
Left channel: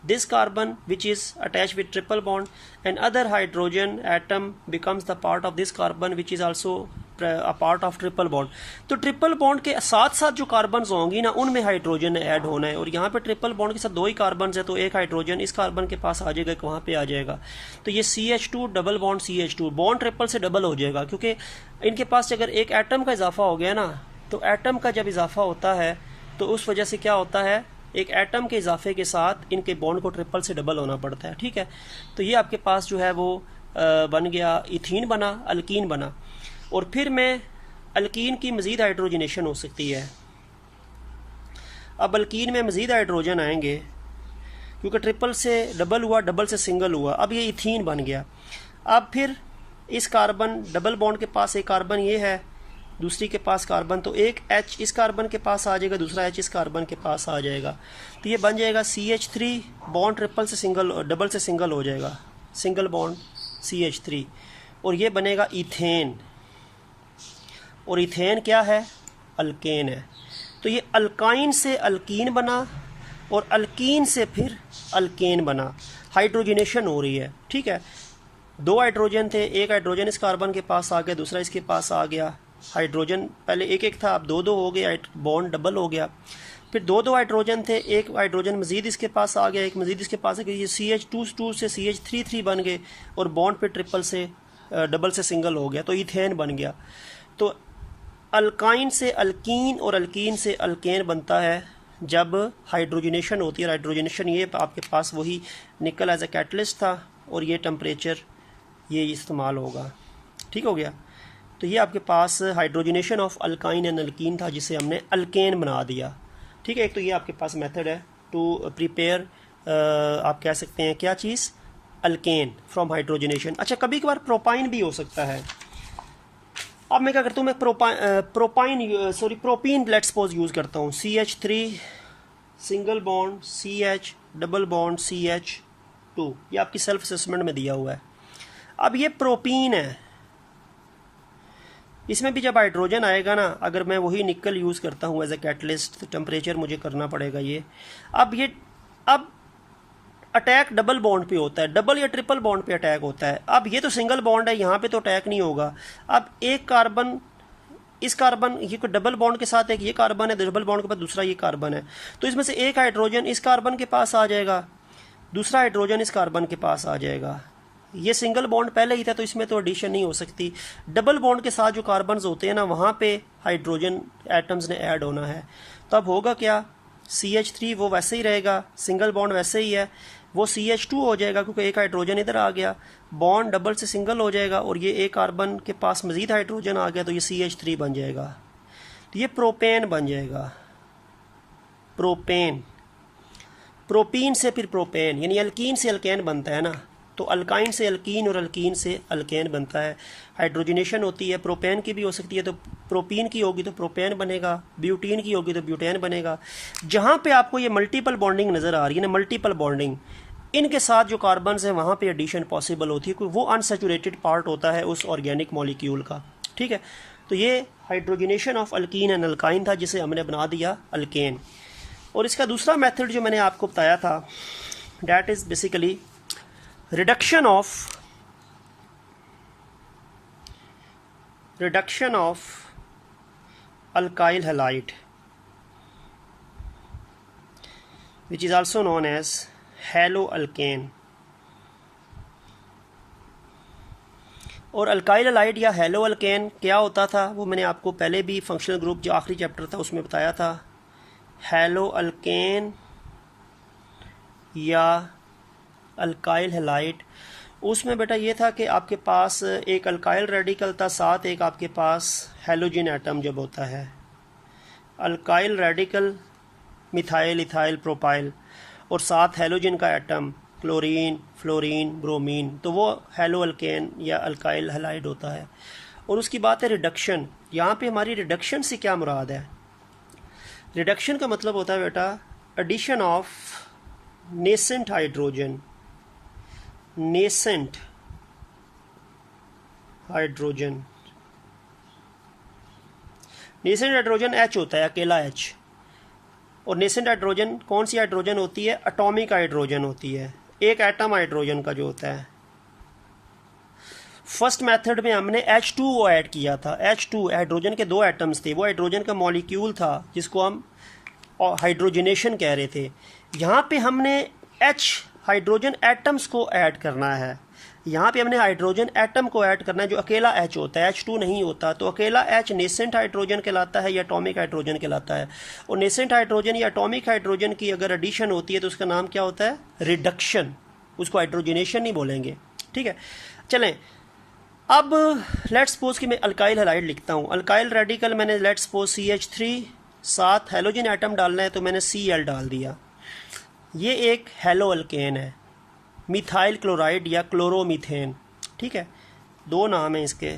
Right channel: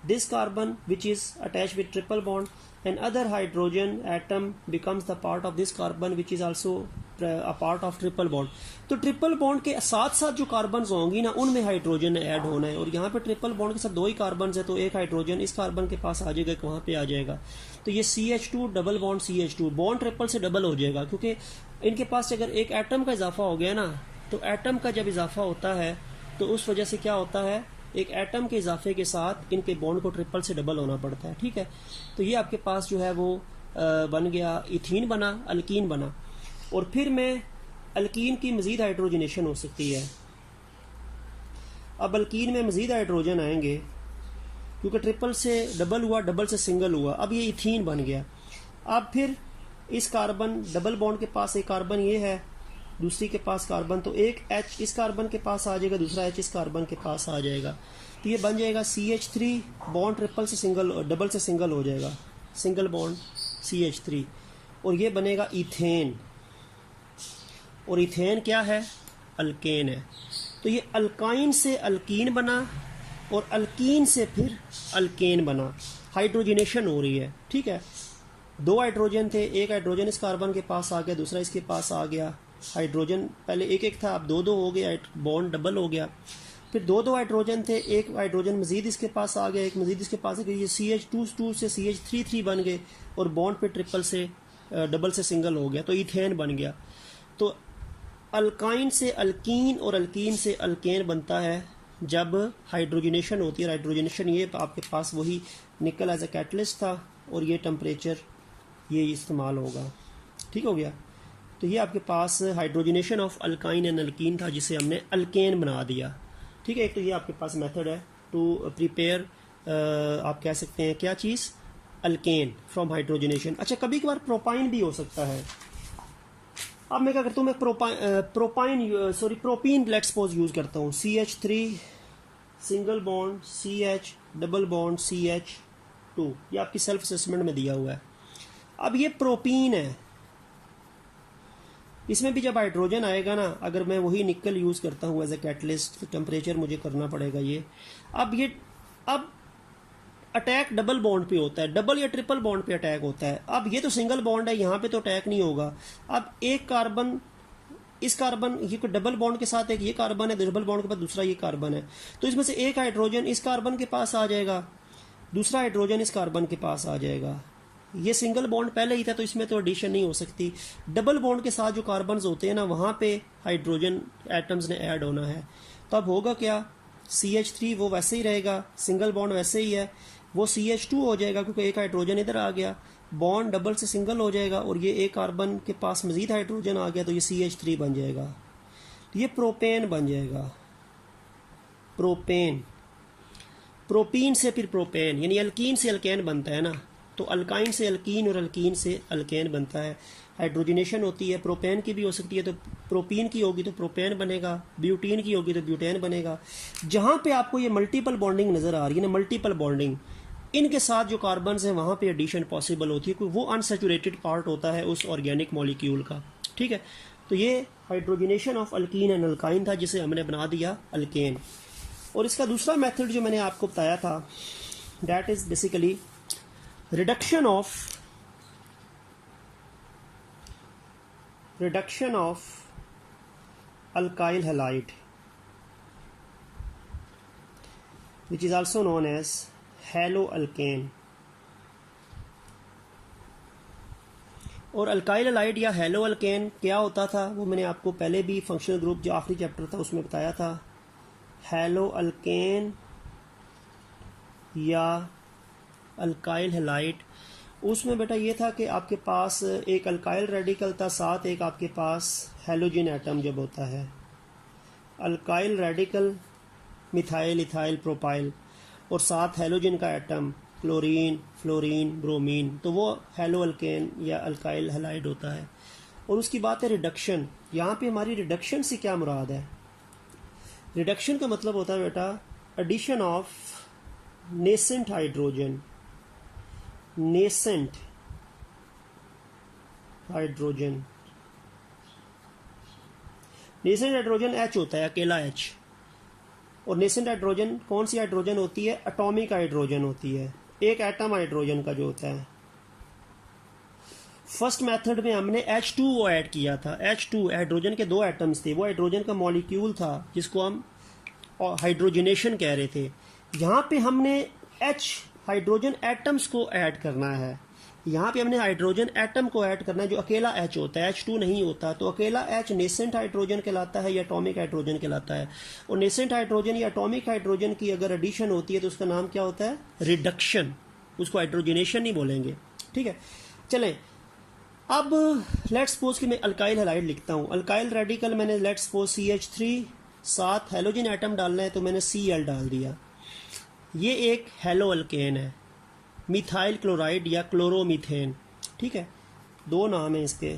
this carbon which is attached with triple bond, and other hydrogen atom becomes the part of this carbon which is also a part of triple bond। तो triple bond के साथ साथ जो carbons होंगी ना उनमें hydrogen add होना है, और यहाँ पे ट्रिपल बॉन्ड के साथ 2 ही कार्बन्स है, तो एक हाइड्रोजन इस कार्बन के पास आ जाएगा, वहाँ पे आ जाएगा। तो ये CH2 double bond CH2, bond triple से डबल हो जाएगा, क्योंकि इनके पास अगर एक एटम का इजाफा हो गया ना, तो एटम का जब इजाफा होता है तो उस वजह से क्या होता है, एक एटम के इजाफे के साथ इनके बॉन्ड को ट्रिपल से डबल होना पड़ता है। ठीक है, तो ये आपके पास जो है वो बन गया इथीन बना, अल्कीन बना। और फिर मैं अल्कीन की मजीद हाइड्रोजनेशन हो सकती है। अब अल्कीन में मजीद हाइड्रोजन आएंगे, क्योंकि ट्रिपल से डबल हुआ, डबल से सिंगल हुआ, अब ये इथीन बन गया। अब फिर इस कार्बन डबल बॉन्ड के पास एक कार्बन ये है, दूसरी के पास कार्बन, तो एक H इस कार्बन के पास आ जाएगा, दूसरा H इस कार्बन के पास आ जाएगा। तो ये बन जाएगा CH3 बॉन्ड ट्रिपल से सिंगल, डबल से सिंगल हो जाएगा, सिंगल बॉन्ड CH3, और ये बनेगा इथेन। और इथेन क्या है, अल्केन है। तो ये अल्काइन से अल्कीन बना और अल्कीन से फिर अल्केन बना, हाइड्रोजनेशन हो रही है। ठीक है, 2 हाइड्रोजन थे, एक हाइड्रोजन इस कार्बन के पास आ गया, दूसरा इसके पास आ गया। हाइड्रोजन पहले एक था, अब 2 हो गया, बॉन्ड डबल हो गया। फिर 2 हाइड्रोजन थे, एक हाइड्रोजन मजीद इसके पास आ गया, एक मजीद इसके पास आ गया, ये CH2 से CH3 बन गए और बॉन्ड पे ट्रिपल से डबल से सिंगल हो गया, तो इथेन बन गया। तो अल्काइन से अल्कीन और अल्कीन से अल्केन बनता है जब हाइड्रोजनेशन होती है। हाइड्रोजनेशन ये आपके पास वही निकल एज ए कैटलिस्ट था, और ये टेम्परेचर ये इस्तेमाल होगा। ठीक हो गया, तो ये आपके पास hydrogenation of alkyne and alkene था, जिसे हमने अल्केन बना दिया। ठीक है, एक तो ये आपके पास मेथड है टू प्रिपेयर, आप कह सकते हैं क्या चीज़, अल्केन फ्रॉम हाइड्रोजनेशन। अच्छा, कभी कभार प्रोपाइन भी हो सकता है। अब मैं क्या करता हूँ, मैं प्रोपीन लेट सपोज यूज़ करता हूँ। CH3 single bond CH double bond CH2, ये आपकी सेल्फ असेसमेंट में दिया हुआ है। अब ये प्रोपीन है, इसमें भी जब हाइड्रोजन आएगा ना, अगर मैं वही निकल यूज़ करता हूँ एज ए कैटलिस्ट, तो टेम्परेचर मुझे करना पड़ेगा ये। अब अटैक डबल बॉन्ड पे होता है, डबल या ट्रिपल बॉन्ड पे अटैक होता है। अब ये तो सिंगल बॉन्ड है, यहाँ पे तो अटैक नहीं होगा। अब एक कार्बन इस कार्बन, ये डबल बॉन्ड के साथ एक ये कार्बन है, डबल बॉन्ड के बाद दूसरा ये कार्बन है, तो इसमें से एक हाइड्रोजन इस कार्बन के पास आ जाएगा, दूसरा हाइड्रोजन इस कार्बन के पास आ जाएगा। ये सिंगल बॉन्ड पहले ही था तो इसमें तो एडिशन नहीं हो सकती। डबल बॉन्ड के साथ जो कार्बन्स होते हैं ना, वहाँ पे हाइड्रोजन एटम्स ने ऐड होना है। तब होगा क्या, CH3 वो वैसे ही रहेगा, सिंगल बॉन्ड वैसे ही है, वो CH2 हो जाएगा क्योंकि एक हाइड्रोजन इधर आ गया, बॉन्ड डबल से सिंगल हो जाएगा और ये एक कार्बन के पास मजीद हाइड्रोजन आ गया तो ये CH3 बन जाएगा, तो ये प्रोपेन बन जाएगा। प्रोपेन, प्रोपीन से फिर प्रोपेन, यानी अल्कीन से अल्केन बनता है ना, तो अल्काइन से अल्कीन और अल्कीन से अल्केन बनता है। हाइड्रोजनेशन होती है, प्रोपेन की भी हो सकती है, तो प्रोपीन की होगी तो प्रोपेन बनेगा, ब्यूटीन की होगी तो ब्यूटेन बनेगा। जहाँ पे आपको ये मल्टीपल बॉन्डिंग नज़र आ रही है ना, मल्टीपल बॉन्डिंग, इनके साथ जो कार्बन्स हैं वहाँ पे एडिशन पॉसिबल होती है, क्योंकि वो अनसेचुरेटेड पार्ट होता है उस ऑर्गेनिक मॉलिक्यूल का। ठीक है, तो ये hydrogenation of alkyne and alkyne था जिसे हमने बना दिया अल्केन। और इसका दूसरा मेथड जो मैंने आपको बताया था, that is basically reduction of alkyl halide, which is also known as हैलोअल्केन। और अल्काइल हैलाइड या हैलोअल्केन क्या होता था वो मैंने आपको पहले भी फंक्शनल ग्रुप जो आखिरी चैप्टर था उसमें बताया था। हैलोअल्केन या अल्काइल हैलाइड, उसमें बेटा ये था कि आपके पास एक अल्काइल रेडिकल था, साथ एक आपके पास हैलोजन एटम जब होता है, alkyl radical methyl, ethyl, propyl, और साथ हैलोजन का एटम क्लोरीन, फ्लोरीन, ब्रोमीन, तो वो हैलोअल्केन या अल्काइल हैलाइड होता है। और उसकी बात है रिडक्शन। यहाँ पे हमारी रिडक्शन से क्या मुराद है? रिडक्शन का मतलब होता है बेटा addition of nascent hydrogen, nascent hydrogen, nascent hydrogen H होता है, अकेला H। और नेसेंट हाइड्रोजन कौन सी हाइड्रोजन होती है? एटॉमिक हाइड्रोजन होती है, एक एटम हाइड्रोजन का जो होता है। फर्स्ट मेथड में हमने H2O ऐड किया था। H2 हाइड्रोजन के दो एटम्स थे, वो हाइड्रोजन का मॉलिक्यूल था जिसको हम हाइड्रोजनेशन कह रहे थे। यहाँ पे हमने H हाइड्रोजन एटम्स को ऐड करना है, यहाँ पे हमने हाइड्रोजन एटम को ऐड करना है जो अकेला H होता है, H2 नहीं होता। तो अकेला H नेसेंट हाइड्रोजन कहलाता है या एटॉमिक हाइड्रोजन कहलाता है। और नेसेंट हाइड्रोजन या एटॉमिक हाइड्रोजन की अगर एडिशन होती है तो उसका नाम क्या होता है? रिडक्शन। उसको हाइड्रोजनेशन नहीं बोलेंगे। ठीक है, चलें अब लेट्स सपोज कि मैं अल्काइल हैलाइड लिखता हूँ। अल्काइल रेडिकल मैंने लेट्स सपोज CH3, साथ हैलोजन एटम डालना है तो मैंने Cl डाल दिया। ये एक हैलोअल्केन है, मिथाइल क्लोराइड या क्लोरोमीथेन। ठीक है, दो नाम हैं इसके,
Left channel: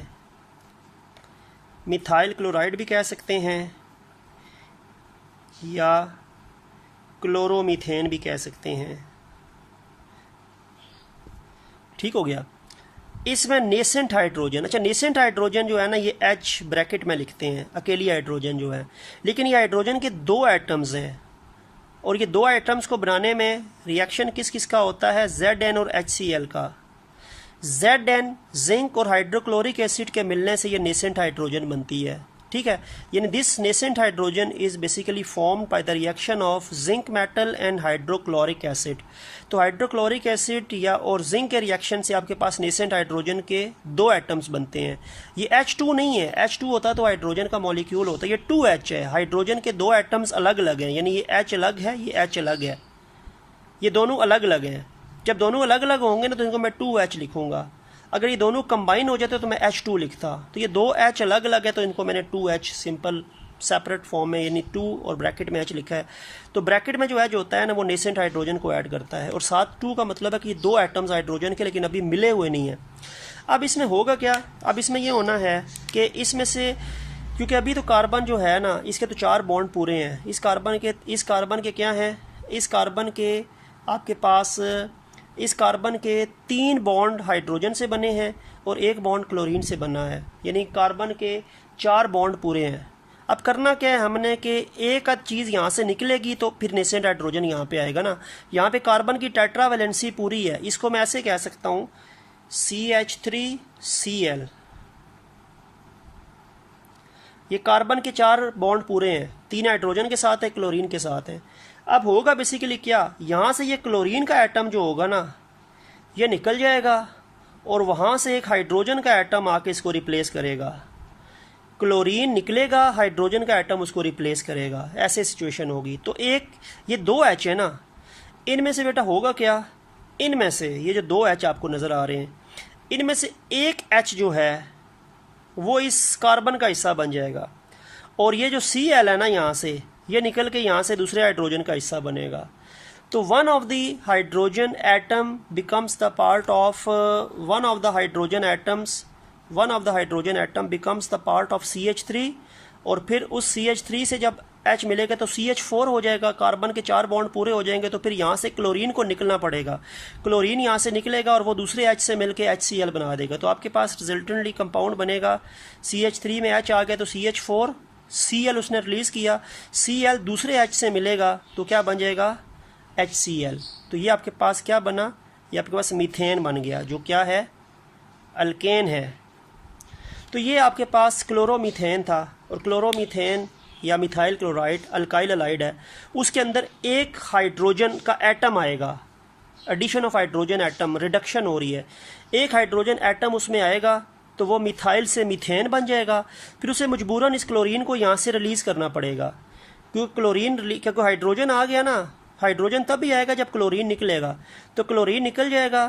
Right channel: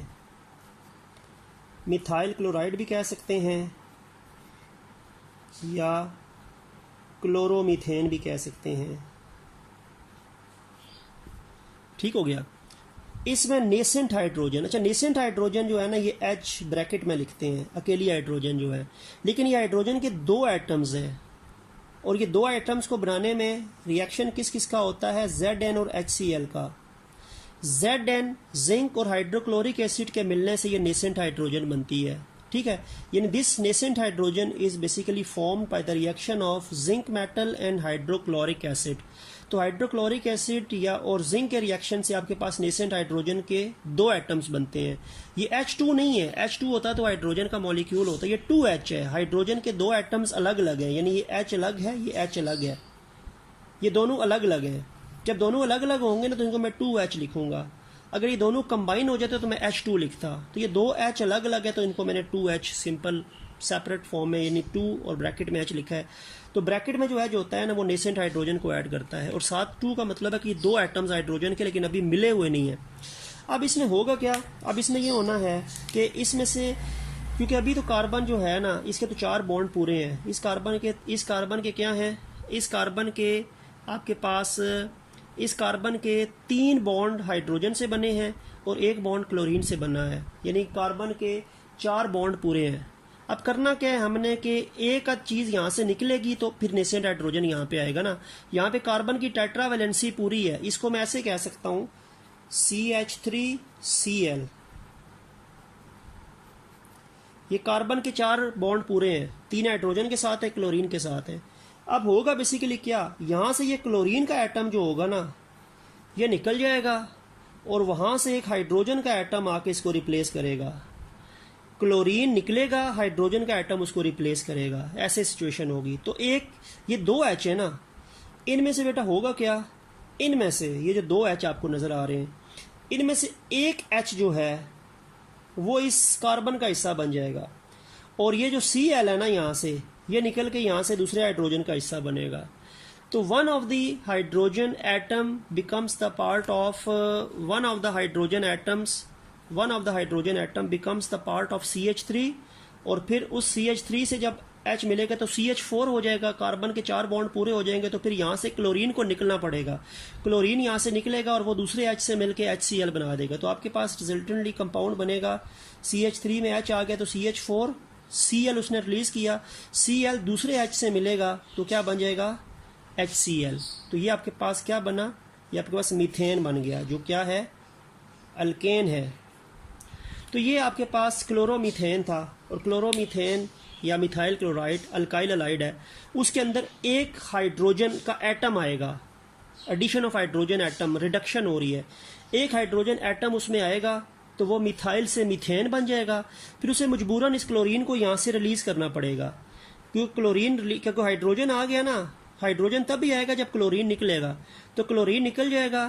मिथाइल क्लोराइड भी कह सकते हैं या क्लोरोमीथेन भी कह सकते हैं। ठीक हो गया। इसमें नेसेंट हाइड्रोजन, अच्छा नेसेंट हाइड्रोजन जो है ना ये H ब्रैकेट में लिखते हैं, अकेली हाइड्रोजन जो है, लेकिन ये हाइड्रोजन के दो एटम्स हैं और ये दो आइटम्स को बनाने में रिएक्शन किस किस का होता है? Zn और HCl का। Zn जिंक और हाइड्रोक्लोरिक एसिड के मिलने से ये नेसेंट हाइड्रोजन बनती है। ठीक है, यानी this nascent hydrogen is basically formed by the reaction of zinc metal and hydrochloric acid. तो हाइड्रोक्लोरिक एसिड या और जिंक के रिएक्शन से आपके पास नेसेंट हाइड्रोजन के दो एटम्स बनते हैं। ये H2 नहीं है, H2 होता तो हाइड्रोजन का मॉलिक्यूल होता, ये 2H है। हाइड्रोजन के दो एटम्स अलग अलग हैं, यानी ये H अलग है, ये H अलग है, ये दोनों अलग अलग हैं। जब दोनों अलग अलग होंगे ना तो इनको मैं 2H लिखूंगा। अगर ये दोनों कंबाइन हो जाते तो मैं H2 लिखता। तो ये दो H अलग अलग है तो इनको मैंने 2H सिंपल सेपरेट फॉर्म में यानी 2 और ब्रैकेट में H लिखा है। तो ब्रैकेट में जो H होता है ना वो नेसेंट हाइड्रोजन को ऐड करता है और साथ 2 का मतलब है कि दो एटम्स हाइड्रोजन के लेकिन अभी मिले हुए नहीं है। अब इसमें होगा क्या? अब इसमें ये होना है कि इसमें से, क्योंकि अभी तो कार्बन जो है ना इसके तो 4 बॉन्ड पूरे हैं। इस कार्बन के क्या हैं? इस कार्बन के आपके पास इस कार्बन के 3 बॉन्ड हाइड्रोजन से बने हैं और 1 बॉन्ड क्लोरीन से बना है, यानी कार्बन के 4 बॉन्ड पूरे हैं। अब करना क्या है हमने कि एक आध चीज़ यहाँ से निकलेगी तो फिर नेसेंट हाइड्रोजन यहाँ पे आएगा ना। यहाँ पे कार्बन की टेट्रावैलेंसी पूरी है, इसको मैं ऐसे कह सकता हूँ CH3Cl। ये कार्बन के 4 बॉन्ड पूरे हैं, 3 हाइड्रोजन के साथ है, क्लोरीन के साथ है। अब होगा बेसिकली क्या, यहाँ से ये क्लोरीन का एटम जो होगा ना ये निकल जाएगा और वहाँ से एक हाइड्रोजन का एटम आके इसको रिप्लेस करेगा, क्लोरीन निकलेगा, हाइड्रोजन का एटम उसको रिप्लेस करेगा, ऐसे सिचुएशन होगी। तो एक ये 2 H है ना, इनमें से बेटा होगा क्या, इनमें से ये जो 2 H आपको नज़र आ रहे हैं, इनमें से एक H जो है वो इस कार्बन का हिस्सा बन जाएगा, और ये जो Cl है ना यहाँ से, ये निकल के यहाँ से दूसरे हाइड्रोजन का हिस्सा बनेगा। तो one of the hydrogen atom becomes the part of one of the hydrogen atom becomes the part of CH3, और फिर उस CH3 से जब H मिलेगा तो CH4 हो जाएगा, कार्बन के 4 बॉन्ड पूरे हो जाएंगे। तो फिर यहाँ से क्लोरीन को निकलना पड़ेगा, क्लोरीन यहाँ से निकलेगा और वो दूसरे H से मिलके HCl बना देगा। तो आपके पास रिजल्टेंटली कंपाउंड बनेगा, CH3 में H आ गया तो CH4, Cl उसने रिलीज किया, Cl दूसरे H से मिलेगा तो क्या बन जाएगा, HCl। तो ये आपके पास क्या बना, ये आपके पास मीथेन बन गया, जो क्या है, अल्केन है। तो ये आपके पास क्लोरोमीथेन था, और क्लोरोमीथेन या मिथाइल क्लोराइड अल्काइल हैलाइड है, उसके अंदर एक हाइड्रोजन का एटम आएगा, addition of hydrogen atom, reduction हो रही है, एक हाइड्रोजन एटम उसमें आएगा तो वो मिथाइल से मीथेन बन जाएगा। फिर उसे मजबूरन इस क्लोरीन को यहाँ से रिलीज करना पड़ेगा, क्योंकि हाइड्रोजन आ गया ना, हाइड्रोजन तब भी आएगा जब क्लोरीन निकलेगा, तो क्लोरीन निकल जाएगा,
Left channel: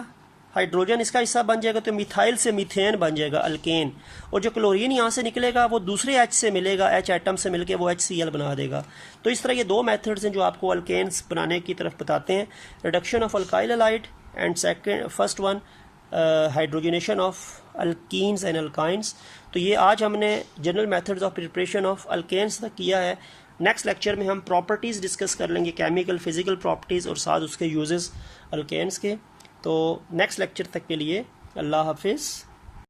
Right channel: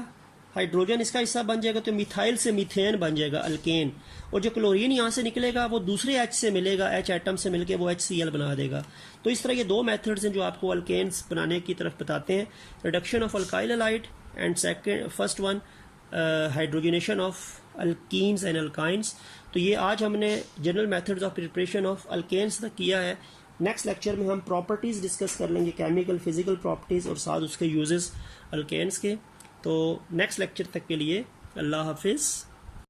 हाइड्रोजन इसका हिस्सा बन जाएगा, तो मिथाइल से मीथेन बन जाएगा, अल्केन। और जो क्लोरीन यहाँ से निकलेगा वो दूसरे H से मिलेगा, H एटम से मिलके वो HCl बना देगा। तो इस तरह ये 2 मेथड्स हैं जो आपको अल्केन्स बनाने की तरफ बताते हैं, reduction of alkyl halide and first one hydrogenation of alkenes and alkynes. तो ये आज हमने general methods of preparation of alkanes तक किया है। नेक्स्ट लेक्चर में हम प्रॉपर्टीज़ डिस्कस कर लेंगे, केमिकल फिजिकल प्रॉपर्टीज़, और साथ उसके यूजेस अल्केन्स के। तो नेक्स्ट लेक्चर तक के लिए अल्लाह हाफिज़।